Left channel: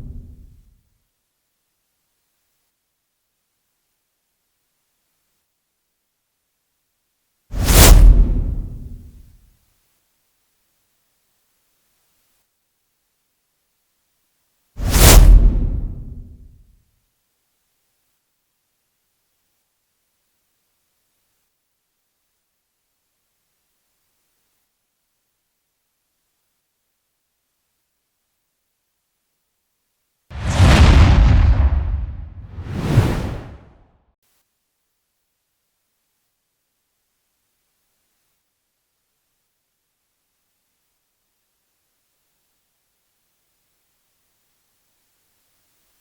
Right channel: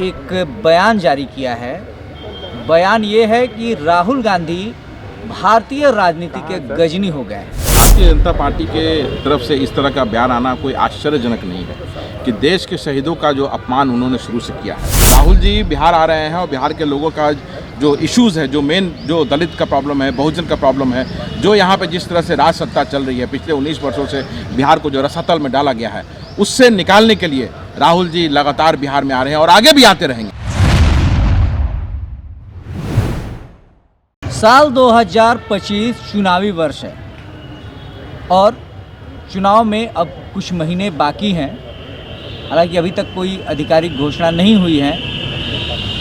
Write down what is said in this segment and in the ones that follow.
एक बयान जारी किया है। बयान ये है कि राहुल गांधी भारतीय राजनीति के गजनी हो गए हैं। भारतीय जनता पार्टी के तरफ से इस तरह का बयान आना कोई आश्चर्यजनक नहीं है कि देश के शहीदों का जो अपमान उन्होंने शुरू से किया है। राहुल जी बिहार आ रहे हैं और बिहार के लोगों का जो इश्यूज़ है, जो मेन जो दलित का प्रॉब्लम है, बहुजन का प्रॉब्लम है, जो यहाँ पे जिस तरह से राज सत्ता चल रही है पिछले 19 वर्षों से बिहार को जो रसातल में डाला गया है, उससे निकालने के लिए राहुल जी लगातार बिहार में आ रहे हैं और आगे भी आते रहेंगे। साल 2025 चुनावी वर्ष है और चुनाव में अब कुछ महीने बाकी हैं। हालांकि अभी तक कोई आधिकारिक घोषणा नहीं हुई है,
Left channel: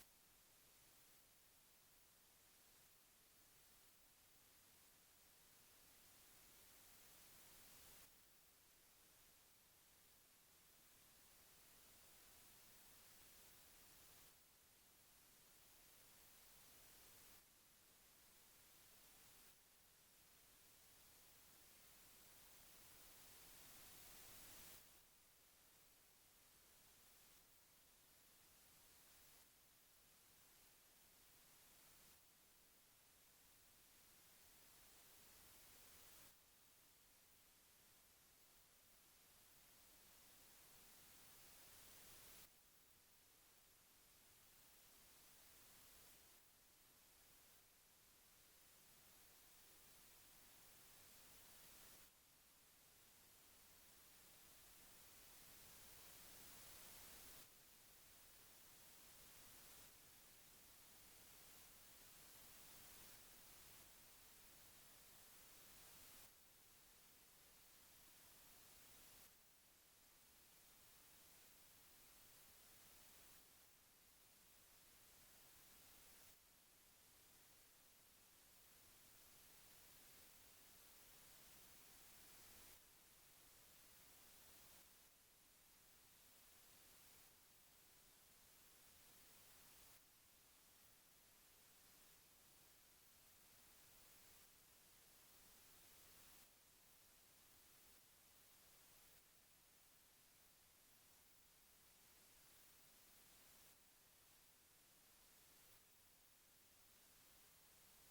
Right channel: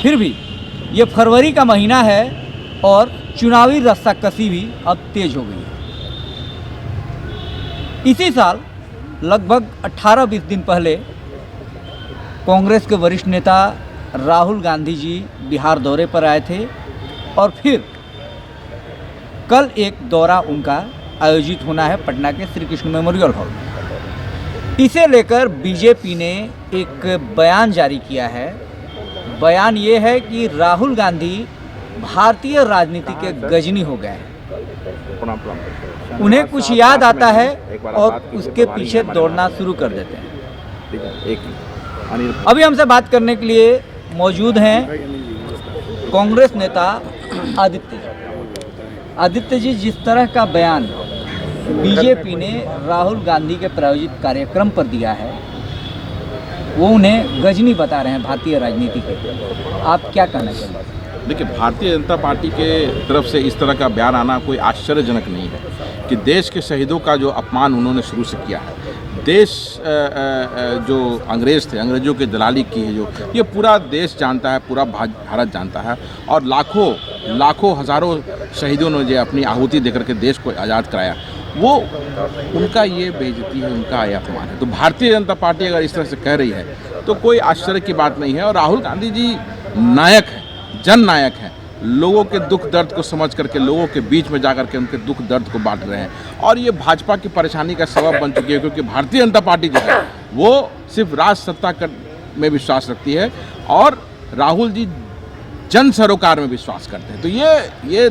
फिर भी ये फरवरी का महीना है और चुनावी रस्साकसी भी अब तेज हो गई है। इसी साल लगभग 18-20 दिन पहले कांग्रेस के वरिष्ठ नेता राहुल गांधी जी बिहार दौरे पर आए थे और फिर कल एक दौरा उनका आयोजित होना है पटना के श्री कृष्ण मेमोरियल हॉल में। इसे लेकर बीजेपी ने एक बयान जारी किया है। बयान ये है कि राहुल गांधी भारतीय राजनीति के गजनी हो गए हैं। उन्हें कुछ याद आता है और उसके पीछे दौड़ना शुरू कर देते हैं। अभी हमसे बात करने के लिए मौजूद हैं कांग्रेस नेता आदित्य जी। जिस तरह का बयान बीजेपी ने राहुल गांधी के प्रायोजित कार्यक्रम पर दिया है, वो उन्हें गजनी बता रहे हैं भारतीय राजनीति के। आप क्या कहना चाहेंगे? देखिए, भारतीय जनता पार्टी के तरफ से इस तरह का बयान आना कोई आश्चर्यजनक नहीं है कि देश के शहीदों का जो अपमान उन्होंने शुरू से किया है। देश जो अंग्रेज़ थे, अंग्रेज़ों की दलाली की है, जो ये पूरा देश जानता है, पूरा भारत जानता है और लाखों हज़ारों शहीदों ने जो अपनी आहुति देकर के देश को आज़ाद कराया, वो उनका ये बेइज्जती है, उनका ये अपमान है। तो भारतीय जनता पार्टी अगर इस तरह से कह रही है तो कोई आश्चर्य की बात नहीं है। और राहुल गांधी जी नायक हैं, जननायक हैं, लोगों के दुख दर्द को समझ करके लोगों के बीच में जाकर के उनके दुख दर्द को बांट रहे हैं और ये भाजपा की परेशानी का सबब बन चुकी है, क्योंकि भारतीय जनता पार्टी जो है वो सिर्फ राज सत्ता में विश्वास रखती है और राहुल जी जन सरोकार में विश्वास करते हैं। तो ये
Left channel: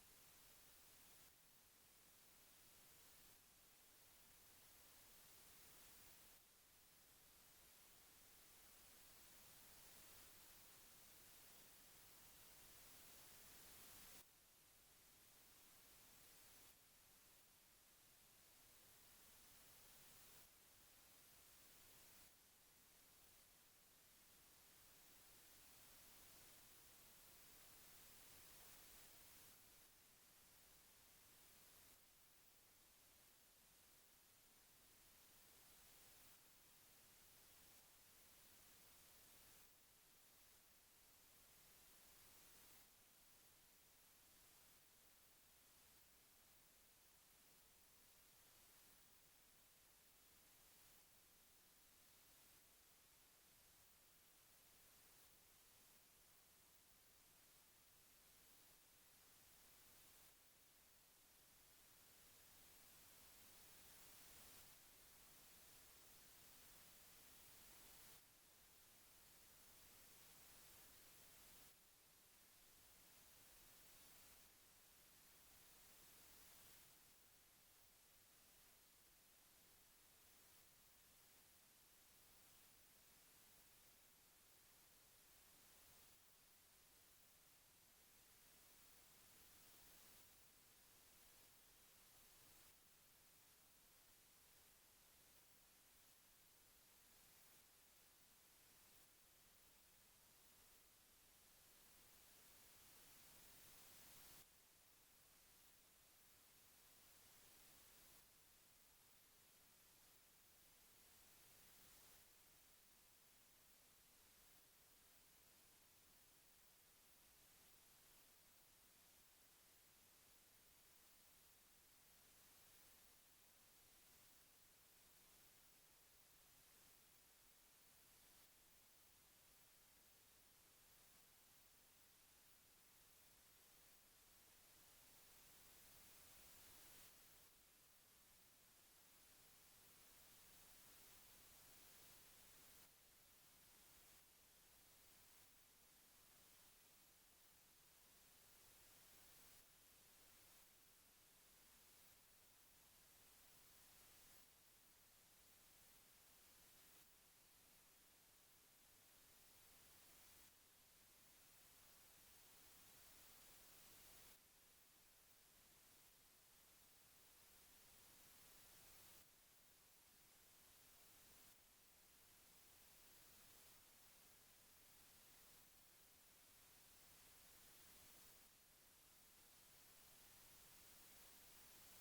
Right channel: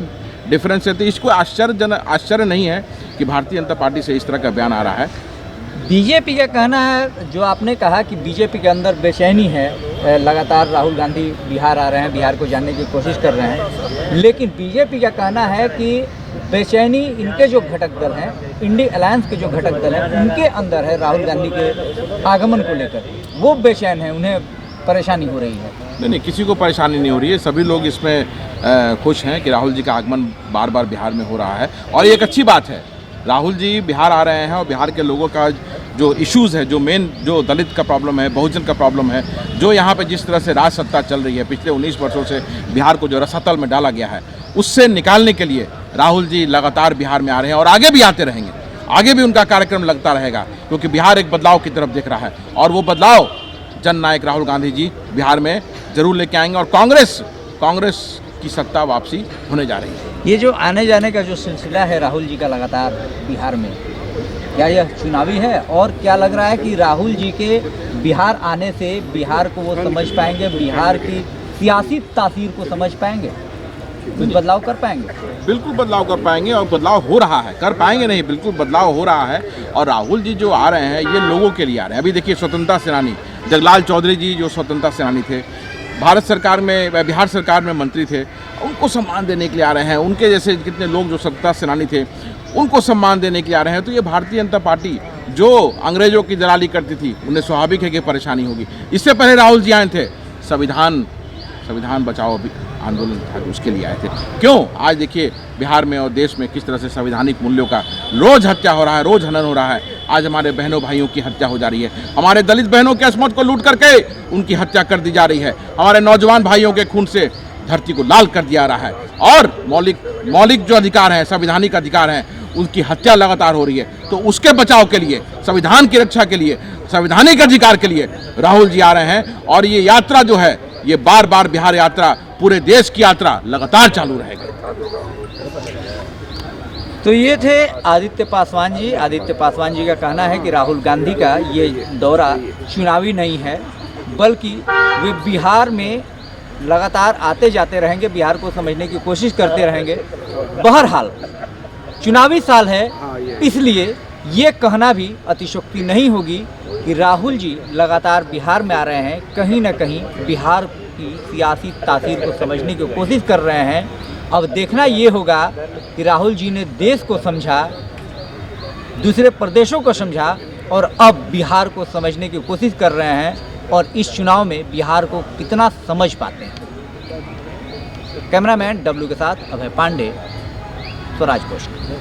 डिफरेंस है। तो इसको आश्चर्य नहीं है कि भारतीय जनता पार्टी से इस तरह का बयान आ रहा है। बीजेपी का कहना है, जो आपने कहा कि बीजेपी के अंदर बेचैनी है, लगातार राहुल गांधी बिहार आ रहे हैं, बिहार को जानने की कोशिश कर रहे हैं, लेकिन बीजेपी का कहना है कि बेचैनी इनके जो घटक दल हैं, इंडी अलायंस के जो घटक दल हैं, उनके अंदर है। राहुल गांधी के आगमन को लेकर वो बेचैन है, उन्हें परेशानी हो रही है। नहीं, किसी को परेशानी नहीं हो रही है। सभी लोग इसमें खुश हैं कि राहुल जी का आगमन बार बार बिहार में हो रहा है और ये एक अच्छी बात है। राहुल जी बिहार आ रहे हैं और बिहार के लोगों का जो इश्यूज़ है, जो मेन जो दलित का प्रॉब्लम है, बहुजन का प्रॉब्लम है, जो यहाँ पे जिस तरह से राज सत्ता चल रही है पिछले 19 वर्षों से बिहार को जो रसातल में डाला गया है, उससे निकालने के लिए राहुल जी लगातार बिहार में आ रहे हैं और आगे भी आते रहेंगे। आगे भी उनका कार्यक्रम लगता रहेगा, क्योंकि बिहार एक बदलाव की तरफ देख रहा है और वो बदलाव जननायक राहुल गांधी जी बिहार में जरूर लेके आएंगे और कांग्रेस की सत्ता वापसी होने जा रही है। ये जो आने जाने का जो सिलसिला है राहुल जी का लगातार बिहार में, क्या यह चुनावी है? और क्या लग रहा है कि राहुल जी के बिहार आने से बिहार को वो समझ पाएंगे, बिहार की सियासी तासीर को समझ पाएंगे, कुछ बदलाव कर पाएंगे? बिल्कुल बदलाव कर पाएंगे और बदलाव हो रहा है। कर पाएंगे नहीं, बिल्कुल बदलाव हो रहा है। और राहुल जी जो आ रहे हैं ये लोगों के लिए आ रहे हैं। अभी देखिए, स्वतंत्रता सेनानी जगलाल चौधरी जी जो स्वतंत्रता सेनानी थे, भारत सरकार में, बिहार सरकार में मंत्री थे, उनको सम्मान देने के लिए आ रहे हैं। उनके जैसे कितने लोग जो स्वतंत्रता सेनानी थे, उनको सम्मान देने के लिए आ रहे हैं। तो ये भारतीय जनता पार्टी जो अंग्रेजों की दलाली करती थी, उन्हें स्वाभाविक है कि परेशानी होगी। इससे पहले राहुल जी आए थे, संविधान बचाओ आंदोलन था, उसके लिए आए थे। क्यों? आज देखिए बिहार में और देश में किस तरह से संवैधानिक मूल्यों का रोज हत्या हो रहा है, रोज हनन हो रहा है। आज हमारे बहनों भाइयों की हत्या हो जा रही है, हमारे दलित बहनों के अस्मत को लूट करके उनकी हत्या कर दी जा रही है, हमारे नौजवान भाइयों के खून से धरती को लाल कर दिया रहा है और मौलिक जो अधिकार हैं, संवैधानिक अधिकार हैं, उनकी हत्या लगातार हो रही है। तो उसके बचाव के लिए, संविधान की रक्षा के लिए, संवैधानिक अधिकार के लिए राहुल जी आ रहे हैं और ये यात्रा जो है, ये बार बार बिहार यात्रा, पूरे देश की यात्रा लगातार चालू रहेगी। तो ये थे आदित्य पासवान जी। आदित्य पासवान जी का कहना है कि राहुल गांधी का ये दौरा चुनावी नहीं है, बल्कि वे बिहार में लगातार आते जाते रहेंगे, बिहार को समझने की कोशिश करते रहेंगे। बहरहाल चुनावी साल है, इसलिए ये कहना भी अतिशयोक्ति नहीं होगी कि राहुल जी लगातार बिहार में आ रहे हैं, कहीं ना कहीं बिहार की सियासी तासीर को समझने की कोशिश कर रहे हैं। अब देखना ये होगा कि राहुल जी ने देश को समझा, दूसरे प्रदेशों को समझा और अब बिहार को समझने की कोशिश कर रहे हैं और इस चुनाव में बिहार को कितना समझ पाते हैं। कैमरामैन डब्ल्यू के साथ अभय पांडे, स्वराज पोस्ट।